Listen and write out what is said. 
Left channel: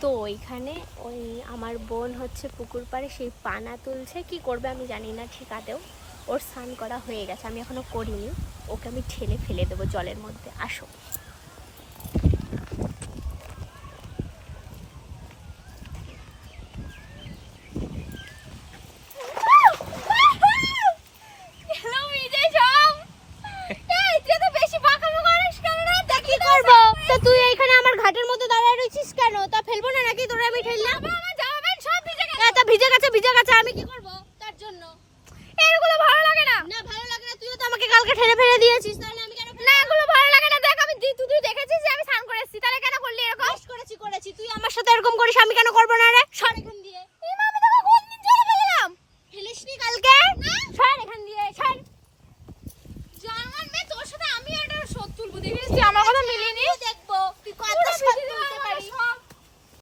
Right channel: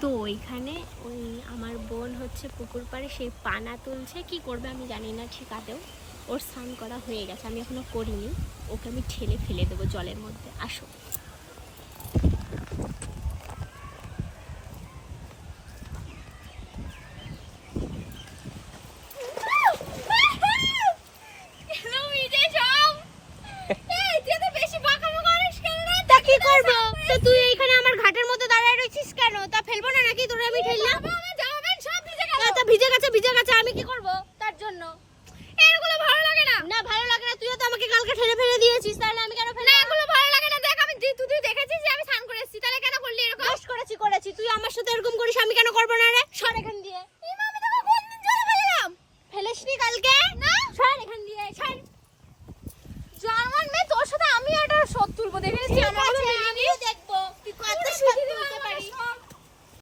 তো ওইখানে ওই আমার বোন হচ্ছে পুকুর পাড়ে সেই পানা তুলছে, কি করবে আমি জানি না ঠিক আদেও। ওর স্নান করা হয়ে গেছে, আমি এখনো করিনি। ওকে আমি ঠেলে ফেলে দেবো জলের মধ্যে, আসো। কি করবো তো, তুই এইখানে আমার ঘাটের মধ্যে দাঁড়ায় রয়েছিস কেন? তা ফেলবো না নাকি তোরা? আমি ঠেললাম, ভিজে গেছে, আমি কি করবো তার জন্য? এগুলো ভালো লাগে না। না ভালো লাগে না, তুইও তো আমাকে কালকে ঠেলে ফেলে দিয়েছিস, তাহলে আমি কেন ফেলবো? না এগুলো ভালো লাগে না। দেখ আমি তুই দেখেছিস যে আমি স্নান করেছি, তাহলে কেন করলি এরকম? করেছি তুই আমার সাথে এরকম করিস, আমি কেন করবো না রে? সর এখান দিয়ে।